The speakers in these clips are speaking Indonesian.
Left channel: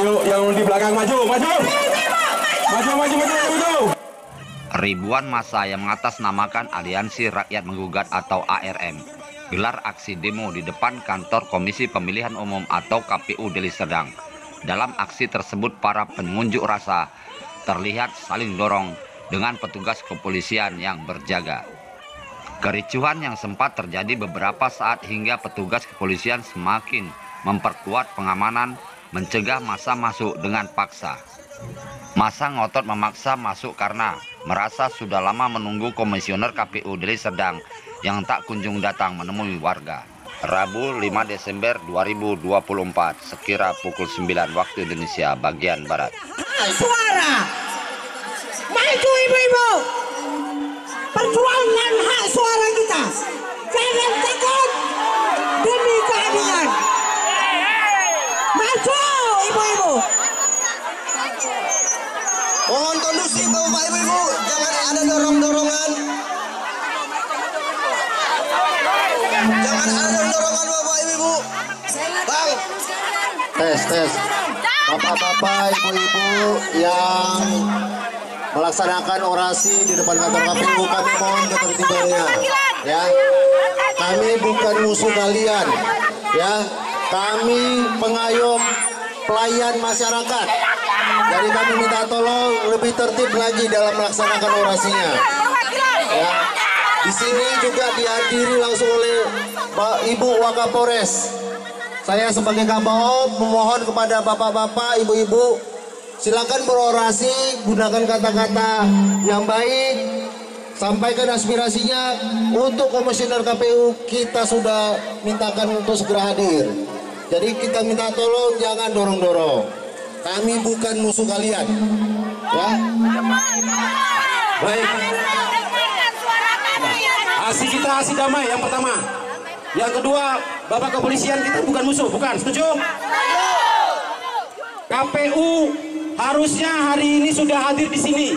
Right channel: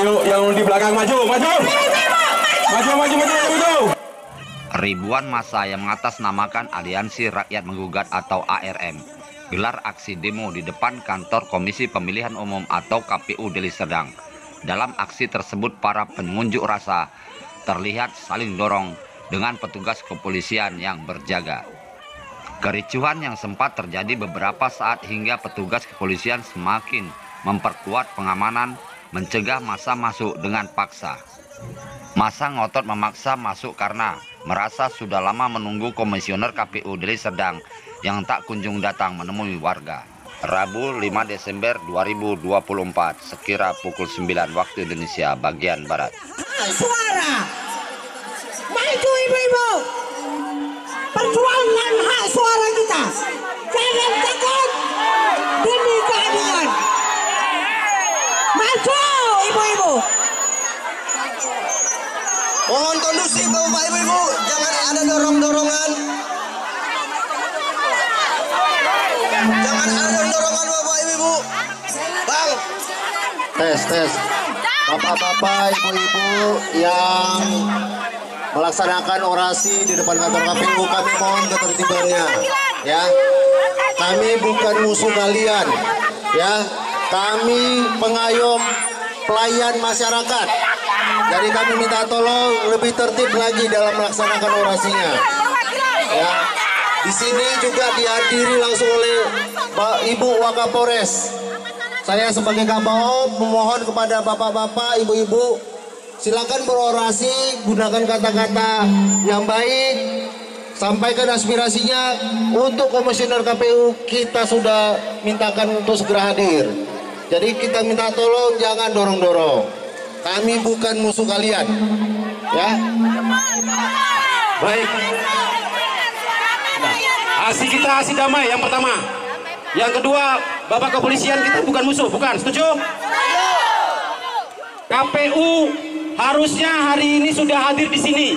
Ayo yang di belakang maju. Ribuan massa yang mengatasnamakan Aliansi Rakyat Menggugat atau ARM gelar aksi demo di depan kantor Komisi Pemilihan Umum atau KPU Deli Serdang. Dalam aksi tersebut para pengunjuk rasa terlihat saling dorong dengan petugas kepolisian yang berjaga. Kericuhan yang sempat terjadi beberapa saat hingga petugas kepolisian semakin memperkuat pengamanan mencegah massa masuk dengan paksa. Massa ngotot memaksa masuk karena merasa sudah lama menunggu Komisioner KPU Deli Serdang yang tak kunjung datang menemui warga. Rabu 5 Desember 2024 sekira pukul 9 waktu Indonesia bagian Barat. Suara, maju ibu-ibu, perjuangkan hak suara kita. Jangan takut demi keadilan. Maju ibu-ibu. Mohon kondusif Bapak Ibu-ibu, jangan ada dorong-dorongan. Jangan ada dorongan Bapak Ibu-ibu. Bang. Tes. Bapak-bapak, ibu-ibu yang melaksanakan orasi di depan kantor KPU, kami mohon ketertibannya. Ya, kami bukan musuh kalian. Ya, kami pengayom pelayan masyarakat. Jadi kami minta tolong lebih tertib lagi dalam melaksanakan orasinya. Ya, di sini juga dihadiri langsung oleh Ibu Wakapolres. Saya sebagai Kabao memohon kepada bapak-bapak, ibu-ibu, silakan berorasi, gunakan kata-kata yang baik, sampaikan aspirasinya. Untuk Komisioner KPU kita sudah mintakan untuk segera hadir. Jadi kita minta tolong jangan dorong-dorong. Kami bukan musuh kalian, ya. Baik. Aksi kita aksi damai yang pertama. Yang kedua, Bapak Kepolisian kita bukan musuh, bukan? Setuju? KPU harusnya hari ini sudah hadir di sini.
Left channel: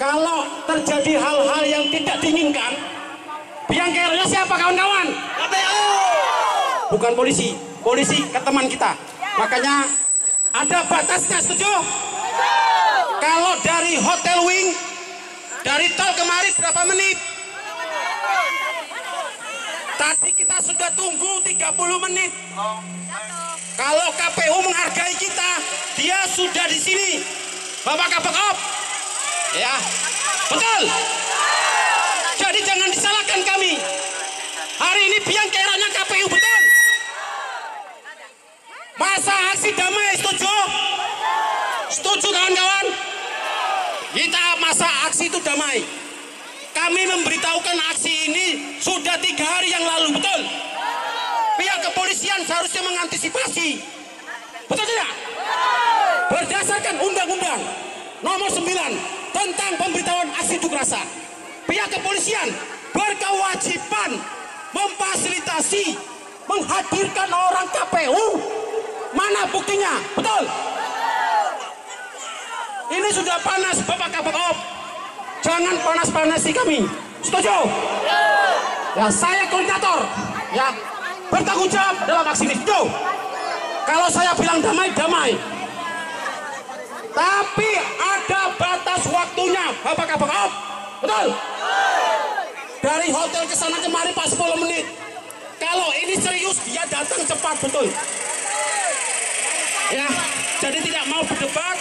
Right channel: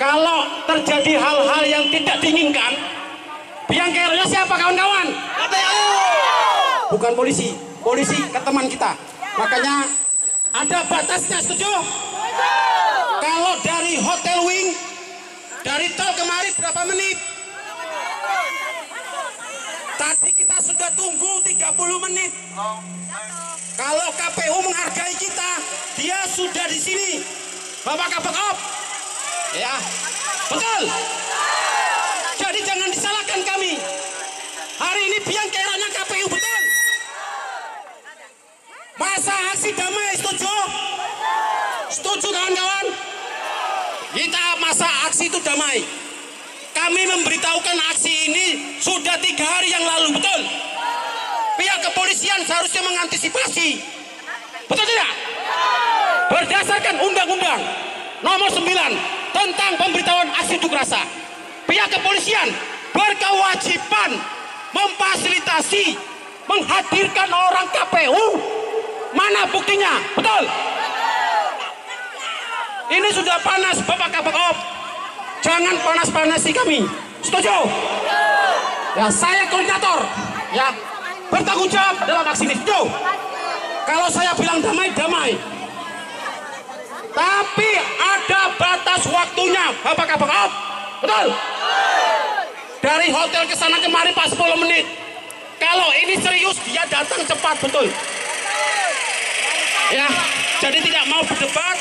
Kalau terjadi hal-hal yang tidak diinginkan, biang keroknya siapa kawan-kawan? KPU. Bukan polisi. Polisi ke teman kita. Makanya ada batasnya, setuju? Kalau dari Hotel Wing, dari tol kemarin berapa menit? Tadi kita sudah tunggu 30 menit. Kalau KPU menghargai kita, dia sudah di sini. Bapak Kabakop, ya, betul. Jadi jangan disalahkan kami. Hari ini biang keroknya KPU, betul. Masa aksi damai, setuju? Setuju kawan-kawan? Kita masa aksi itu damai. Kami memberitahukan aksi ini sudah 3 hari yang lalu, betul? Pihak kepolisian seharusnya mengantisipasi. Betul tidak? Berdasarkan Undang-Undang Nomor 9 tentang pemberitahuan aksi unjuk rasa, pihak kepolisian berkewajiban memfasilitasi, menghadirkan orang KPU. Mana buktinya? Betul? Ini sudah panas, Bapak Kabakop. Jangan panas-panasi kami. Setuju? Ya, saya koordinator. Ya, bertanggung jawab dalam aksi ini. Setuju? Kalau saya bilang damai, damai. Tapi ada batas waktunya, Bapak Kabakop. Betul? Dari hotel ke sana kemari pas 10 menit. Kalau ini serius, dia datang cepat, betul? Ya, jadi tidak mau berdebat.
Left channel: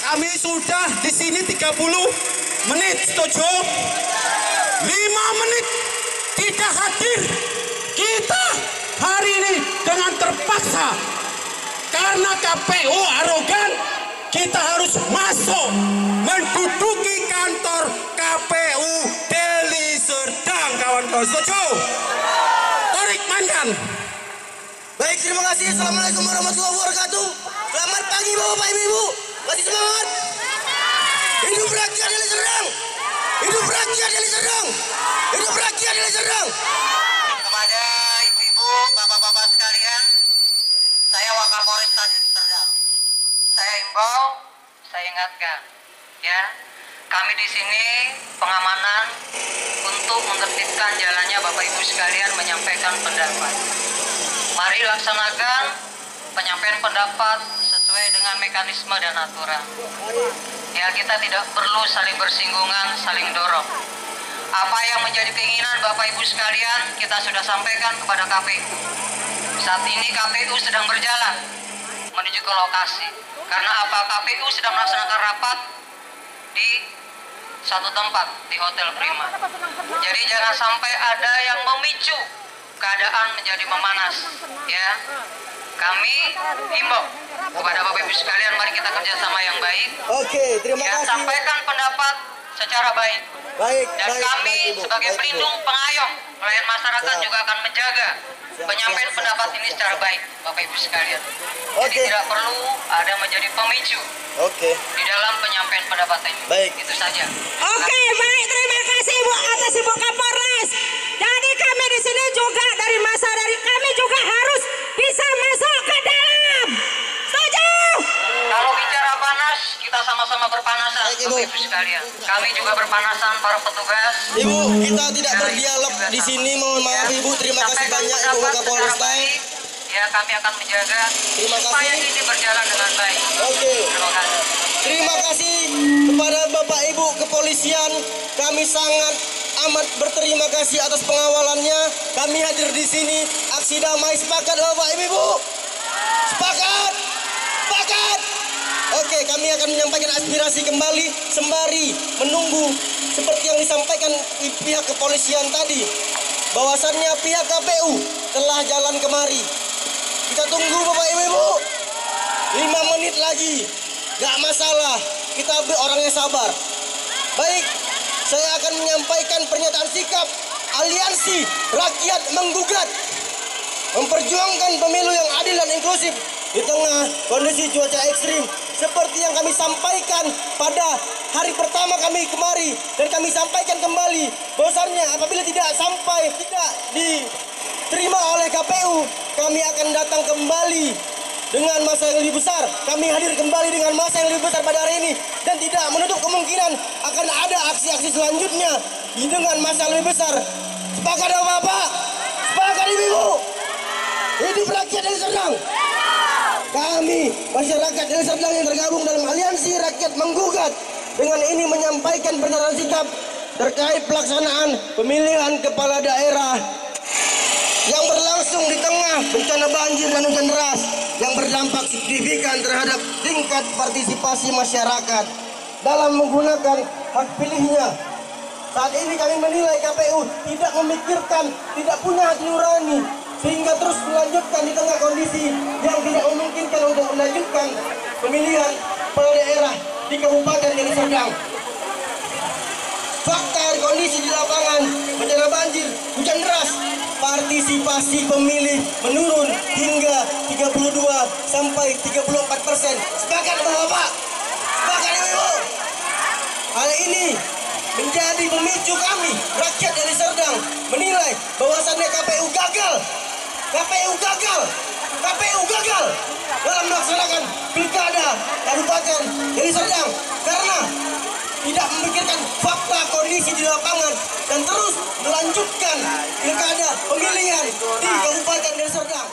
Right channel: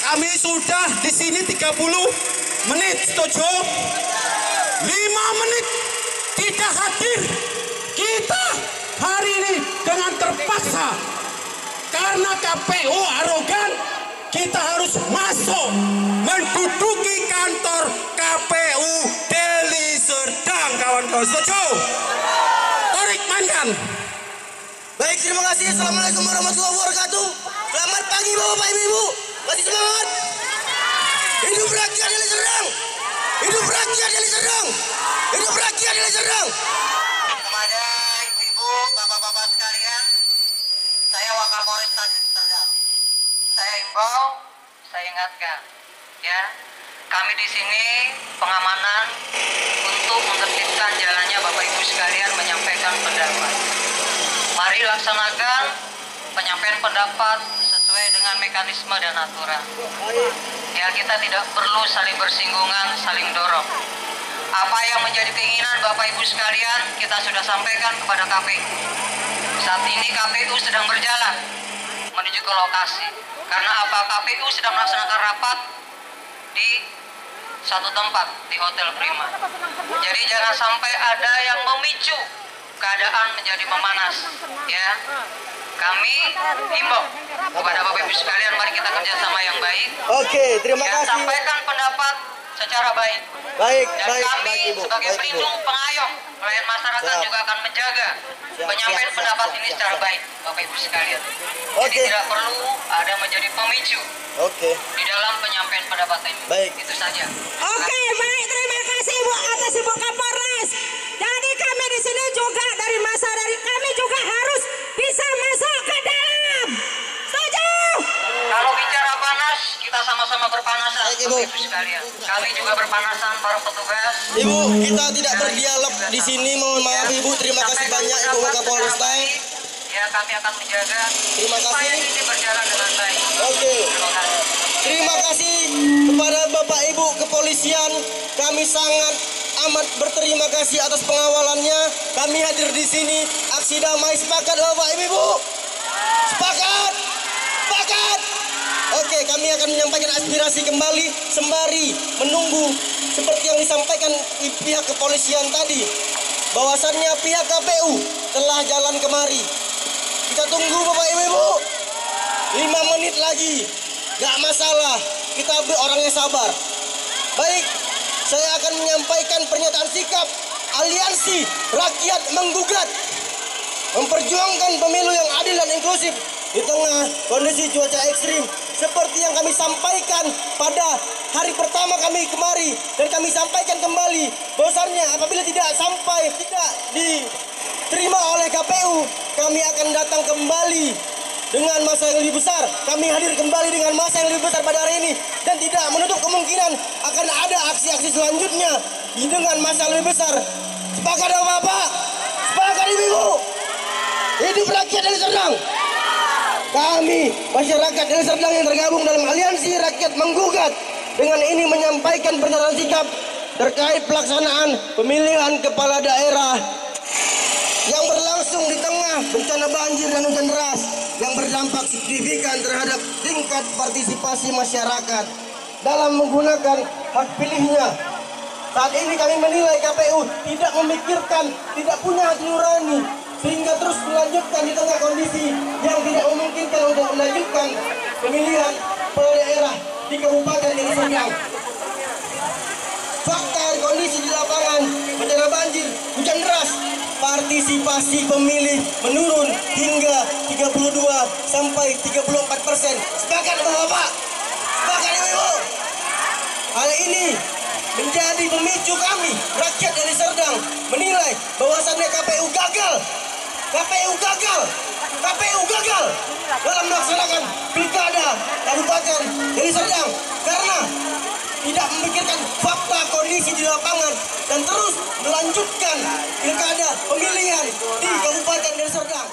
Kami sudah di sini 30 menit, setuju? 5 menit tidak hadir. Kita hari ini dengan terpaksa karena KPU arogan, kita harus masuk menduduki kantor KPU Deli Serdang, kawan-kawan. Setuju? Tarik mainkan. Baik, terima kasih. Assalamualaikum warahmatullahi wabarakatuh. Selamat pagi Bapak Ibu. Masih semangat. Hidup rakyat Deli Serdang. Hidup rakyat Deli Serdang. Hidup rakyat Deli Serdang. Kepada ibu-ibu, bapak-bapak sekalian, saya Wakapolres Deli Serdang. Saya himbau, saya ingatkan, ya, kami di sini pengamanan untuk menertibkan jalannya Bapak Ibu sekalian menyampaikan pendapat. Mari laksanakan penyampaian pendapat dengan mekanisme dan aturan. Ya, kita tidak perlu saling bersinggungan, saling dorong. Apa yang menjadi keinginan Bapak Ibu sekalian kita sudah sampaikan kepada KPU. Saat ini KPU sedang berjalan menuju ke lokasi. Karena apa? KPU sedang melaksanakan rapat di satu tempat di Hotel Prima. Jadi jangan sampai ada yang memicu keadaan menjadi memanas, ya. Kami himbau kepada Bapak Ibu sekalian, mari kita kerjasama yang baik. Oke, terima Ya, kasih. sampaikan pendapat secara baik. Baik, Dan baik, kami baik, Ibu. sebagai Baik, Ibu. pelindung pengayom pelayan masyarakat Siap. juga akan menjaga penyampaian siap, pendapat siap, ini siap, secara siap. baik, Bapak Ibu sekalian. Oke. Jadi tidak perlu ada menjadi pemicu Oke. di dalam penyampaian pendapat ini. Baik. Itu saja. Oke, baik, terima kasih Ibu atas Ibu Kapolres. Jadi kami di sini juga dari masa dari kami juga harus bisa masuk ke dalam. Setuju? Kalau bicara panas, kita sama-sama berpanasan, Baik, Ibu. Bapak Ibu sekalian. Kami juga berpanasan, para petugas. Ibu, kita tidak berdialog di sini. Mohon maaf Ibu. Terima kasih Sampaikan banyak Ibu pendapat Kapolres. secara baik. Ya, kami akan menjaga Terima supaya kasih. ini berjalan dengan baik. Oke. Terima kasih. Terima kasih kepada Bapak Ibu Kepolisian. Kami sangat amat berterima kasih atas pengawalannya. Kami hadir di sini. Aksi damai sepakat Bapak Ibu. Sepakat. Sepakat. Oke, kami akan menyampaikan aspirasi kembali sembari menunggu seperti yang disampaikan pihak kepolisian tadi. Bahwasannya pihak KPU telah jalan kemari. Kita tunggu Bapak Ibu. 5 menit lagi. Gak masalah. Kita orangnya sabar. Baik, saya akan menyampaikan pernyataan sikap Aliansi Rakyat Menggugat. Memperjuangkan pemilu yang adil dan inklusif di tengah kondisi cuaca ekstrim. Seperti yang kami sampaikan pada hari pertama kami kemari. Dan kami sampaikan kembali bahwasannya apabila tidak diterima oleh KPU, kami akan datang kembali dengan masa yang lebih besar. Kami hadir kembali dengan masa yang lebih besar pada hari ini. Dan tidak menutup kemungkinan akan ada aksi-aksi selanjutnya dengan masa lebih besar. Sepakat Bapak? Sepakat Ibu? Hidup rakyat Deli Serdang. Kami masyarakat Deli Serdang yang tergabung dalam Aliansi Rakyat Menggugat dengan ini menyampaikan pernyataan sikap terkait pelaksanaan pemilihan kepala daerah yang berlangsung di tengah bencana banjir dan hujan deras yang berdampak signifikan terhadap tingkat partisipasi masyarakat dalam menggunakan hak pilihnya. Saat ini kami menilai KPU tidak memikirkan, tidak punya hati nurani, sehingga terus melanjutkan di tengah kondisi yang tidak memungkinkan untuk melanjutkan pemilihan kepala daerah di Kabupaten Deli Serdang. Fakta kondisi di lapangan, bencana banjir, hujan deras, partisipasi pemilih menurun hingga 32 sampai 34%. Sepakat Bapak? Sepakat Ibu? Hal ini menjadi pemicu kami, rakyat Deli Serdang, menilai bahwasannya KPU gagal. KPU gagal. KPU gagal dalam melaksanakan pilkada Kabupaten Deli Serdang karena tidak memikirkan fakta kondisi di lapangan dan terus melanjutkan pilkada pemilihan di Kabupaten Deli Serdang.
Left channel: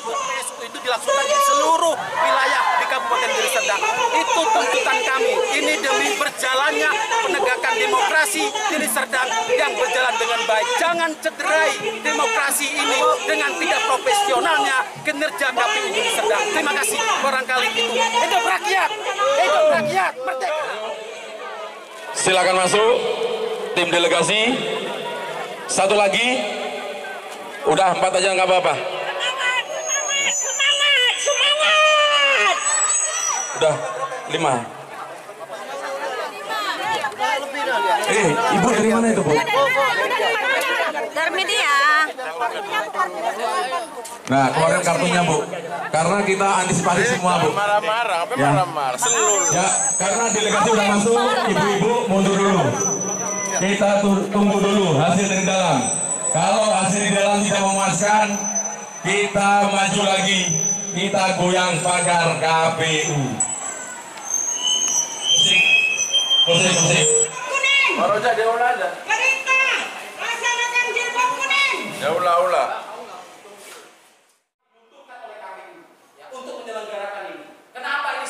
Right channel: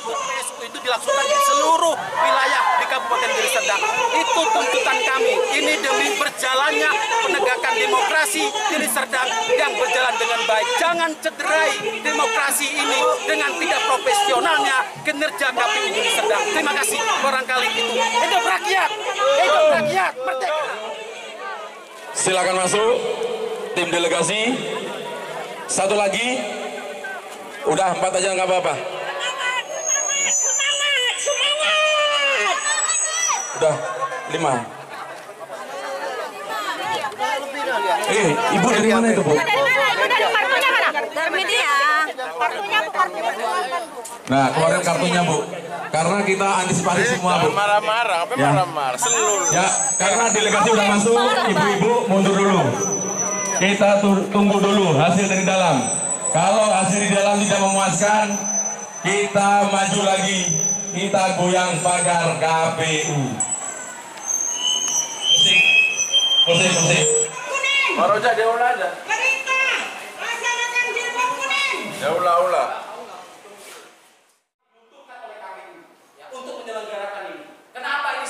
PSU itu dilaksanakan di seluruh wilayah di Kabupaten Deli Serdang. Itu tuntutan kami. Ini demi berjalannya penegakan demokrasi Deli Serdang yang berjalan dengan baik. Jangan cederai demokrasi ini dengan tidak profesionalnya kinerja KPU Deli Serdang. Terima kasih. Barangkali itu. Hidup rakyat! Hidup rakyat! Merdeka! Silakan masuk tim delegasi. Satu lagi. Udah 4 aja nggak apa-apa. Udah 5. Ibu dari mana itu, Bu? Dari media. Nah, keluarin kartunya, Bu. Karena kita antisipasi semua, Bu. Marah-marah, apa marah-marah? Seluruh. Ya, karena delegasi udah masuk, ibu-ibu mundur dulu. Kita tunggu dulu hasil dari dalam. Kalau hasil di dalam tidak memuaskan, kita maju lagi. Kita goyang pagar KPU. Musik. Baroja dia ulah aja. Perintah, laksanakan jilbab kuning. Dia ulah. Untuk menyelenggarakan ini. Kenapa ini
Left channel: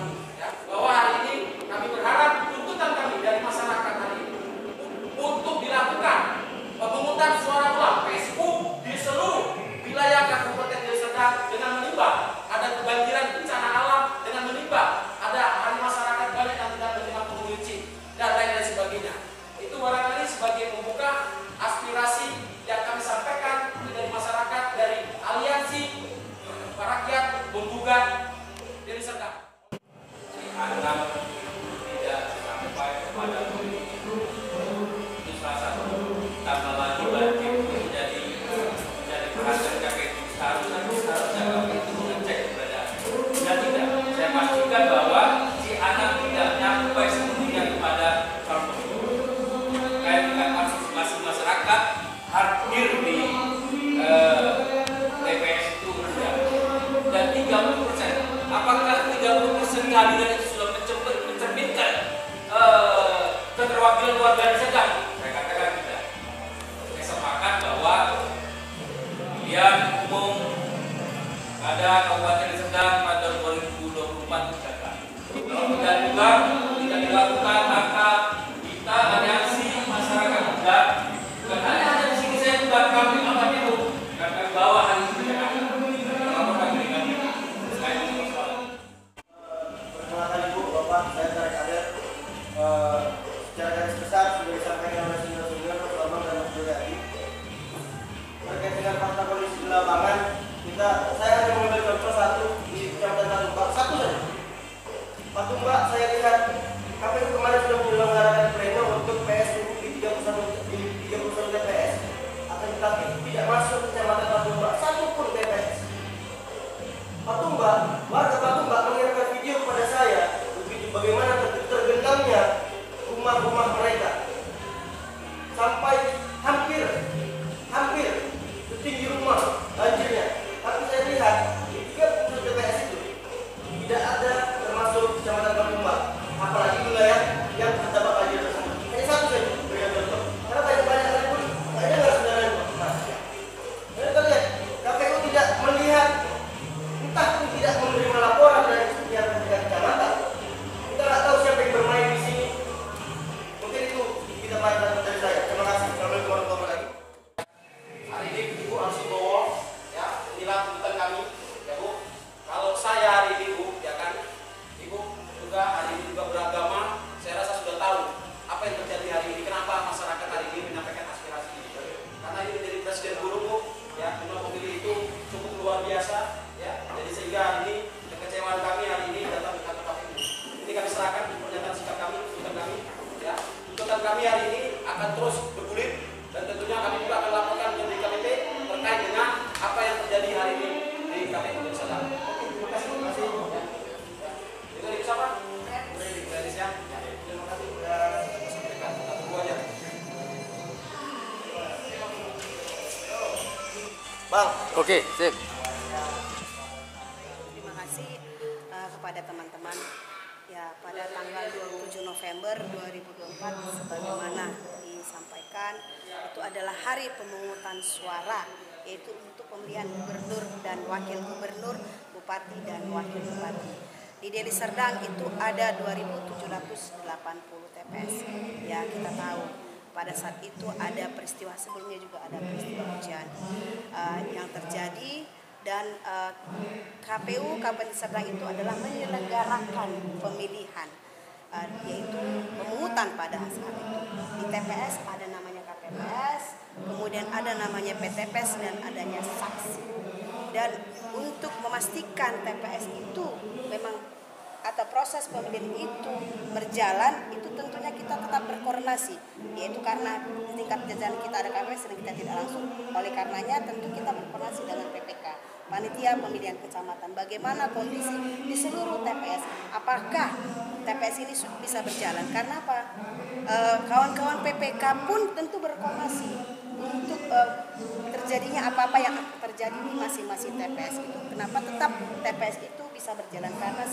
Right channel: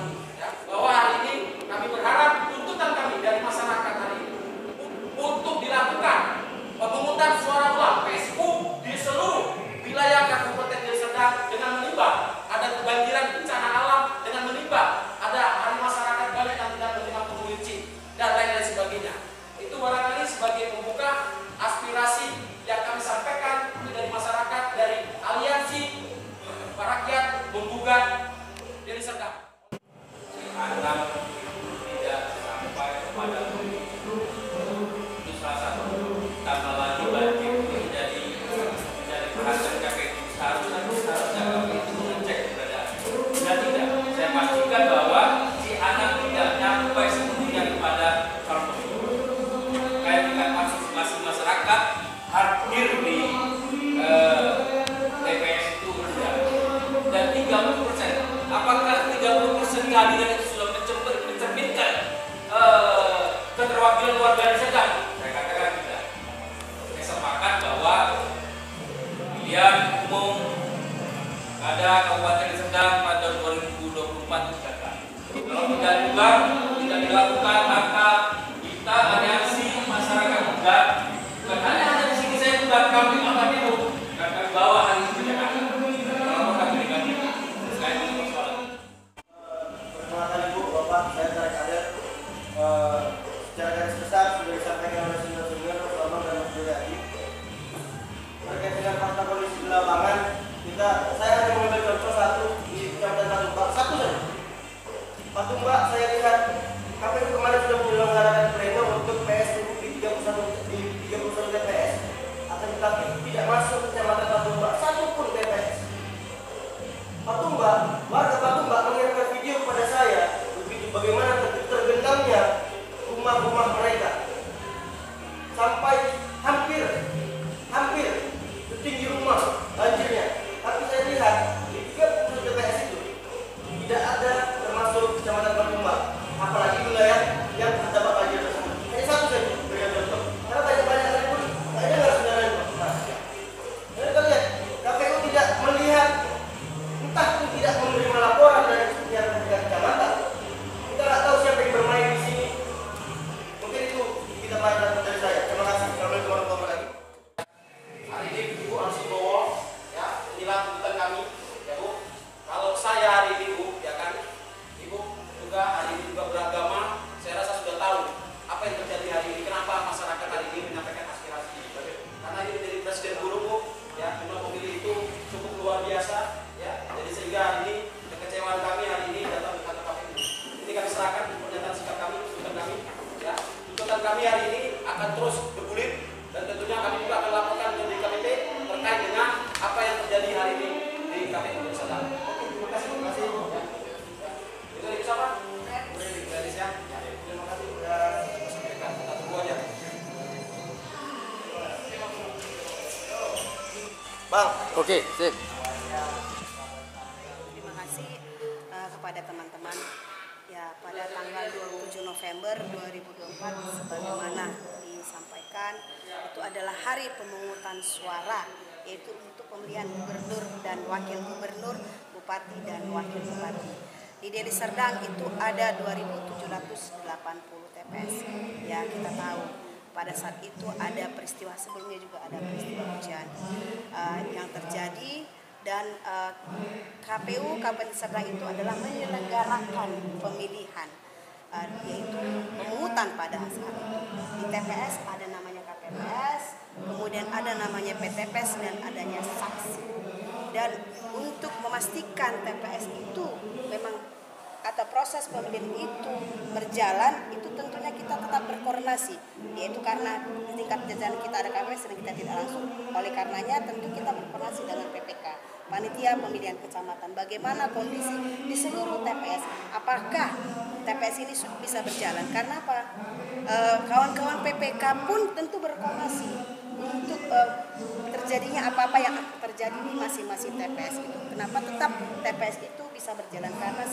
ini, ya, bahwa hari ini kami berharap tuntutan kami dari masyarakat hari ini untuk dilakukan pemungutan suara ulang Facebook di seluruh wilayah Kabupaten Deli Serdang dengan menimba ada kebanjiran bencana alam, dengan menimba ada hari masyarakat banyak yang tidak menerima pengunci dan lain-lain sebagainya. Itu barangkali sebagai pembuka aspirasi yang kami sampaikan dari masyarakat, dari aliansi rakyat menggugat Deli Serdang. Anak tidak sampai kepada itu salah satu tambah lagi banjir menjadi perhatian KPU. Seharusnya KPU itu mengecek keberadaan. Dan tidak, saya pastikan bahwa si anak tidak nyampe sepenuhnya kepada calon pemimpin. Terkait dengan partisipasi masyarakat hadir di TPS itu rendah. Dan 30%. Apakah 30% kehadiran itu sudah mencerminkan keterwakilan warga Deli Serdang? Saya katakan tidak. Saya sepakat bahwa pilihan umum pada Kabupaten Deli Serdang pada 2024 itu gagal. Kalau tidak dilakukan, maka kita aliansi masyarakat muda, bukan hanya di sini saya juga kami akan itu akan bawa hari ini ke Jakarta. Perkenalkan Ibu, Bapak, saya Tarik Adel. Secara garis besar sudah disampaikan oleh senior-senior Bambang dan Mas Jody. Terkait dengan fakta kondisi di lapangan, saya hanya mengambil contoh satu di Kecamatan Patumbak, satu saja. Patumbak saya lihat KPU kemarin sudah menyelenggarakan pleno untuk PSBU di 31 TPS. Akan tetapi tidak masuk Kecamatan Patumbak satupun TPS. Patumbak, warga Patumbak mengirimkan video kepada saya begitu bagaimana tergenangnya rumah-rumah mereka sampai hampir setinggi rumah banjirnya. Tapi saya lihat di 30 TPS itu tidak ada termasuk Kecamatan Patumbak, apalagi wilayah yang terdapat banjir tersebut. Hanya satu saja berikan contoh, karena banyak kali pun nggak dengar sebenarnya Mas. Dan kita lihat KPU tidak melihat, entah pun tidak menerima laporan dari pihak kecamatan. Kita nggak tahu siapa yang bermain di sini. Mungkin itu kita mainkan dari saya. Terima kasih. Assalamualaikum warahmatullahi wabarakatuh. Hari ini Ibu harus bawa, ya, inilah tuntutan kami, ya Bu. Kalau saya hari ini Bu, ya kan, Ibu juga hari ini juga beragama. Saya rasa sudah tahu apa yang terjadi hari ini. Kenapa masyarakat hari ini menyampaikan aspirasi? Karena ini dari Presiden Guru Bu, ya, jumlah pemilih itu cukup luar biasa. Ya, jadi sehingga hari ini kekecewaan kami hari ini datang ke kantor KPU. Ini kami serahkan pernyataan sikap kami, tuntutan kami. Ya, tuntutan kami hari ini akan terus bergulir dan tentunya kami juga akan laporkan ke DKPP terkait dengan apa yang terjadi hari ini di KPU Deli Serdang. Oke, terima kasih. Ya. Itu dari siapa? Dari siapa? Terima kasih sudah sampaikan. Kita tunggu aja. Bang, oke, sip. Terima kasih kepada teman-teman. Ya, pada tanggal 27 November 2024 sebagaimana disampaikan itu adalah hari pemungutan suara, yaitu untuk pemilihan gubernur dan wakil gubernur, bupati dan wakil bupati. Di Deli Serdang itu ada 2.780 TPS. Ya, kita tahu pada saat itu ada peristiwa, sebelumnya juga ada peristiwa hujan yang terjadi. Dan KPU Kabupaten Serdang itu adalah menyelenggarakan pemilihan, yaitu pemungutan pada saat itu. Di TPS ada namanya KPPS, kemudian ada namanya PTPS dan adanya saksi. Dan untuk memastikan TPS itu memang atau proses pemilihan itu berjalan, itu tentunya kita tetap berkoordinasi, yaitu karena di tingkat jajaran kita ada KPPS dan kita tidak langsung. Oleh karenanya tentu kita berkoordinasi dengan PPK, panitia pemilihan kecamatan, bagaimana kondisi di seluruh TPS, apakah TPS ini bisa berjalan. Karena apa? Kawan-kawan PPK pun tentu berkoordinasi untuk terjadinya apa-apa yang terjadi di masing-masing TPS itu. Kenapa tetap TPS itu bisa berjalan? Karena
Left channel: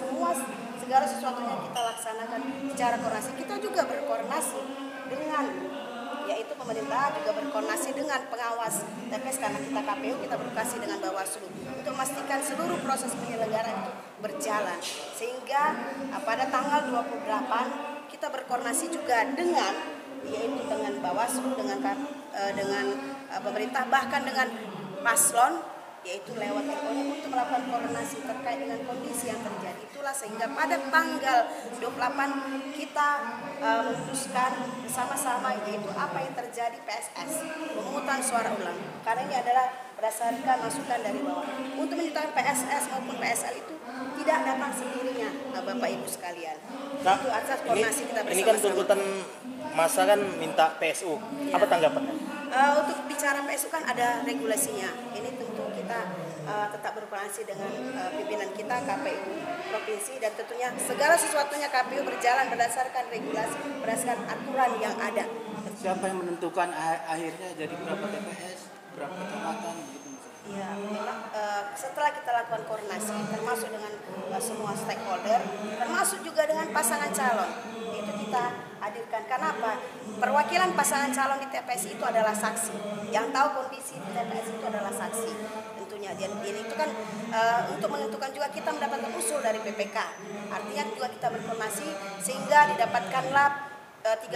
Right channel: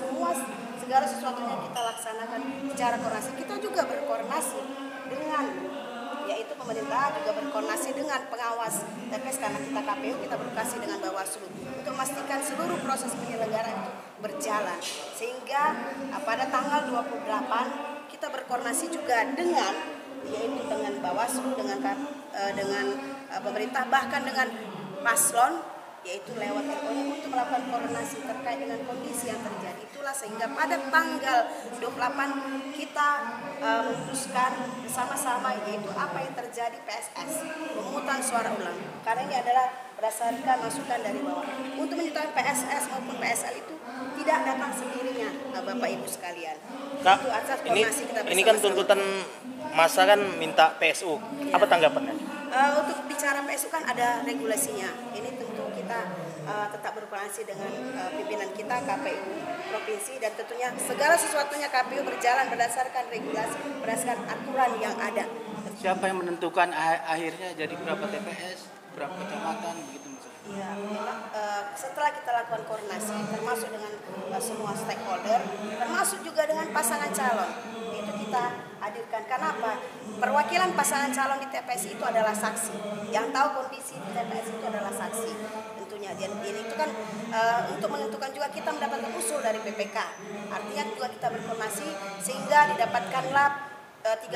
segala sesuatunya kita laksanakan secara koordinasi. Kita juga berkoordinasi dengan yaitu pemerintah juga berkoordinasi dengan pengawas TPS karena kita KPU, kita berkoordinasi dengan Bawaslu untuk memastikan seluruh proses penyelenggaraan itu berjalan. Sehingga pada tanggal 28 kita berkoordinasi juga dengan yaitu dengan Bawaslu, dengan pemerintah, bahkan dengan paslon, yaitu lewat LO-nya untuk melakukan koordinasi terkait dengan kondisi yang terjadi. Itulah sehingga pada tanggal 28 kita memutuskan bersama-sama yaitu apa yang terjadi PSS, pemungutan suara ulang. Karena ini adalah berdasarkan masukan dari bawah. Untuk menentukan PSS maupun PSL itu tidak datang sendirinya, Bapak Ibu sekalian. Kak, itu atas koordinasi kita bersama-sama. ini kan tuntutan masa kan minta PSU. Apa tanggapannya? Untuk bicara PSU kan ada regulasinya. Ini tentu kita tetap berkoordinasi dengan pimpinan kita KPU provinsi, dan tentunya segala sesuatunya KPU berjalan berdasarkan regulasi, berdasarkan aturan yang ada. Siapa yang menentukan akhirnya jadi berapa TPS, berapa kecamatan begitu? Ya, memang setelah kita lakukan koordinasi termasuk dengan semua stakeholder, termasuk juga dengan pasangan calon, itu kita hadirkan. Karena apa? Perwakilan pasangan calon di TPS itu adalah saksi. Yang tahu kondisi di TPS itu adalah saksi. Tentunya dan itu kan untuk menentukan juga kita mendapatkan usul dari PPK. Artinya juga kita berkoordinasi sehingga didapatkanlah 30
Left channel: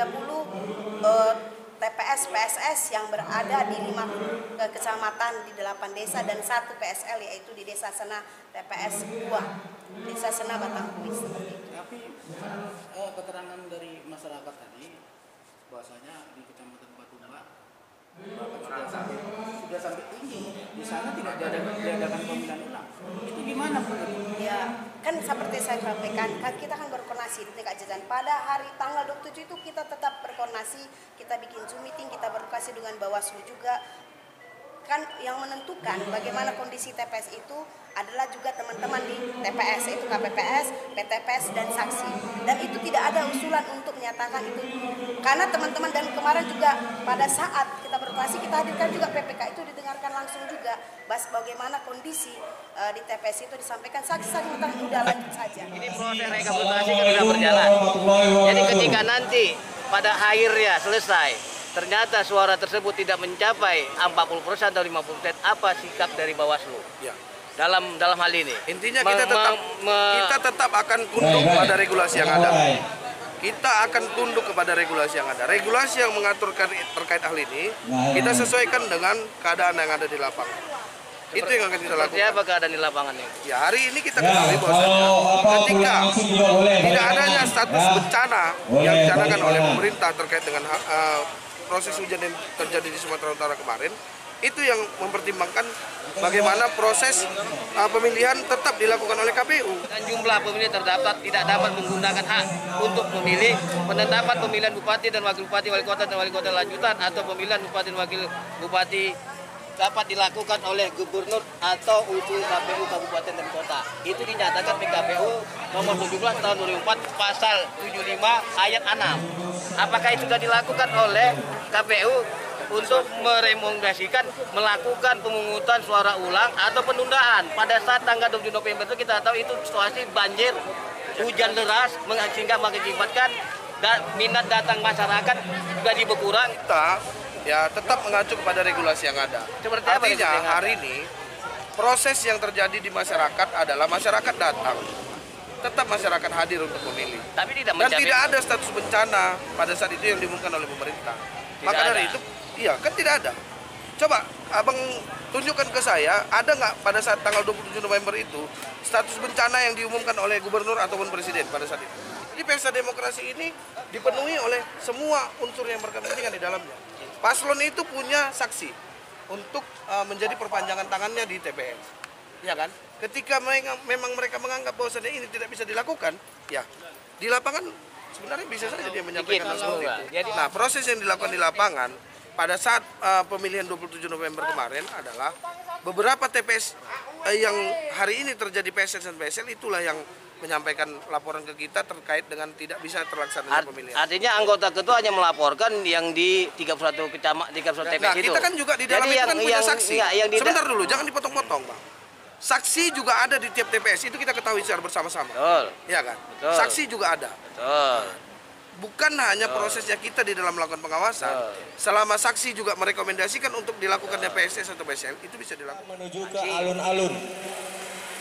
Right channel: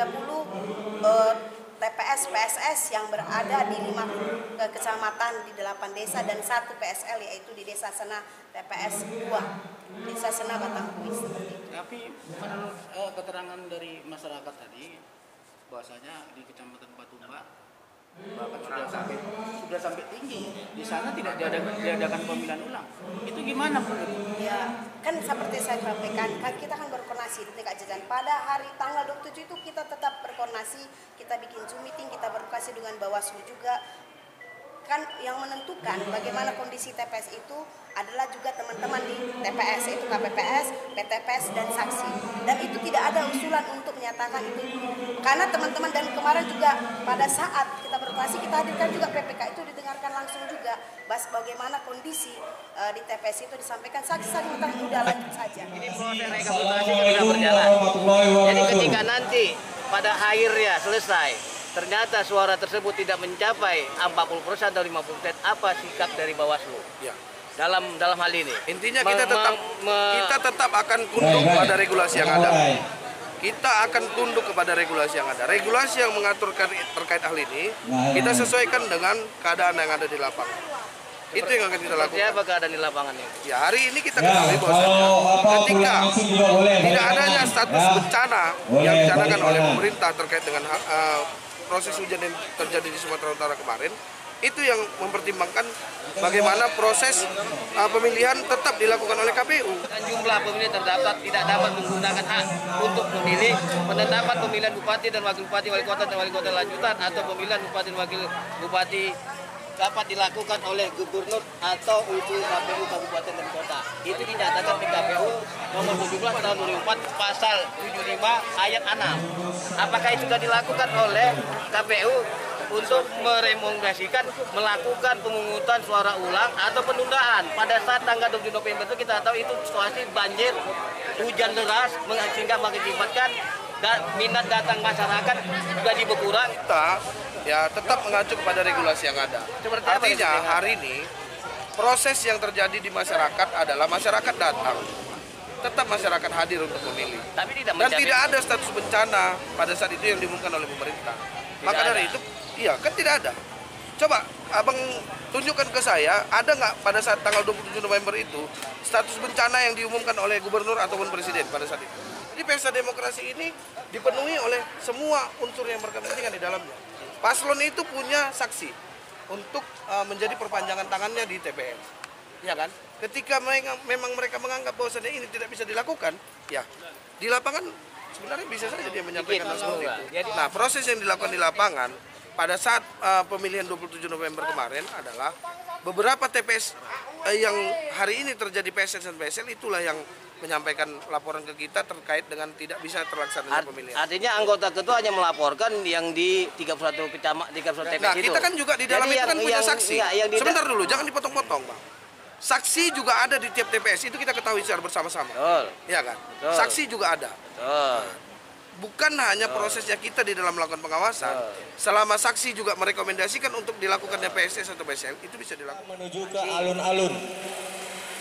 TPS PSS yang berada di 5 kecamatan di 8 desa dan 1 PSL yaitu di Desa Sena TPS 2 Desa Sena Batangkuis seperti itu. Tapi keterangan dari masyarakat tadi bahwasanya di Kecamatan Batumba bahkan sudah sampai tinggi, di sana tidak diadakan pemilihan ulang. Itu gimana Bu? Ya, kan seperti saya sampaikan, kan kita kan berkoordinasi di tingkat jajaran. Pada hari tanggal 27 itu kita tetap berkoordinasi, kita bikin Zoom meeting, kita berkoordinasi dengan Bawaslu juga. Kan yang menentukan bagaimana kondisi TPS itu adalah juga teman-teman di TPS, yaitu KPPS, PTPS, dan saksi. Dan itu tidak ada usulan untuk menyatakan itu. Karena teman-teman dan kemarin juga pada saat kita berkoordinasi, kita hadirkan juga PPK itu didengarkan langsung juga. Bagaimana kondisi di TPS itu disampaikan saksi-saksi udah lanjut saja. Ini proses rekapitulasi sudah berjalan. Jadi ketika nanti pada akhirnya selesai, ternyata suara tersebut tidak mencapai 40% atau 50%, apa sikap dari Bawaslu? Ya. Dalam hal ini. Intinya kita tetap akan tunduk pada regulasi yang ada. Kita akan tunduk kepada regulasi yang ada. Regulasi yang mengatur terkait hal ini, kita sesuaikan dengan keadaan yang ada di lapangan. Itu yang akan kita lakukan. Seperti apa keadaan di lapangan ini? Ya, hari ini kita ketahui bahwasanya ketika tidak adanya status bencana yang dicanangkan oleh pemerintah terkait dengan proses hujan yang terjadi di Sumatera Utara kemarin, itu yang mempertimbangkan bagaimana proses pemilihan tetap dilakukan oleh KPU. Dan jumlah pemilih terdaftar tidak dapat menggunakan hak untuk memilih penetapan pemilihan bupati dan wakil bupati, wali kota dan wali kota lanjutan, atau pemilihan bupati dan wakil bupati dapat dilakukan oleh gubernur atau usul KPU kabupaten dan kota. Itu dinyatakan di KPU nomor 17 tahun 2004 pasal 75 ayat 6. Apakah itu sudah dilakukan oleh KPU untuk merekomendasikan melakukan pemungutan suara ulang atau penundaan? Pada saat tanggal 7 November itu kita tahu itu situasi banjir, hujan deras sehingga mengakibatkan minat datang masyarakat juga berkurang. Kita ya tetap mengacu kepada regulasi yang ada. Artinya hari ini proses yang terjadi di masyarakat adalah masyarakat datang, tetap masyarakat hadir untuk memilih. Tapi dan tidak ada status bencana pada saat itu yang diumumkan oleh pemerintah. Maka dari itu, iya kan tidak ada. Coba abang tunjukkan ke saya, ada nggak pada saat tanggal 27 November itu status bencana yang diumumkan oleh gubernur ataupun presiden pada saat itu. Jadi pesta demokrasi ini dipenuhi oleh semua unsur yang berkepentingan di dalamnya. Paslon itu punya saksi untuk menjadi perpanjangan tangannya di TPS, ya kan? Ketika memang mereka menganggap bahwasannya ini tidak bisa dilakukan, ya di lapangan sebenarnya bisa saja dia menyampaikan hal seperti itu. Nah, proses yang dilakukan di lapangan pada saat pemilihan 27 November kemarin adalah beberapa TPS yang hari ini terjadi PSS dan PSL itulah yang menyampaikan laporan ke kita terkait dengan tidak bisa terlaksananya pemilihan. Artinya anggota ketua hanya melaporkan yang di 31 kecamatan, 31 TPS nah, itu. kita kan juga di dalam itu kan punya saksi. Sebentar dulu, jangan dipotong-potong, Bang. Saksi juga ada di tiap TPS, itu kita ketahui secara bersama-sama. Betul. Iya kan? Betul. Saksi juga ada. Betul. bukan hanya prosesnya kita di dalam melakukan pengawasan, selama saksi juga merekomendasikan untuk dilakukan PSS atau PSL, itu bisa dilakukan. Menuju ke alun-alun.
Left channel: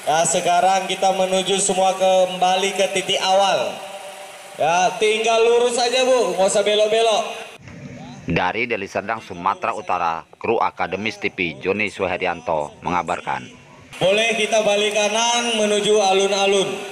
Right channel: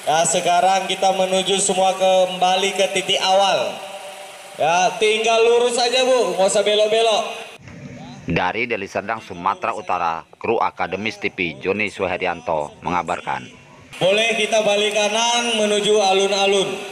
Ya, sekarang kita menuju semua kembali ke titik awal. Ya, tinggal lurus aja Bu, nggak usah belok-belok. Dari Deli Serdang, Sumatera Utara, kru Akademis TV Joni Suherianto mengabarkan. Boleh kita balik kanan menuju alun-alun.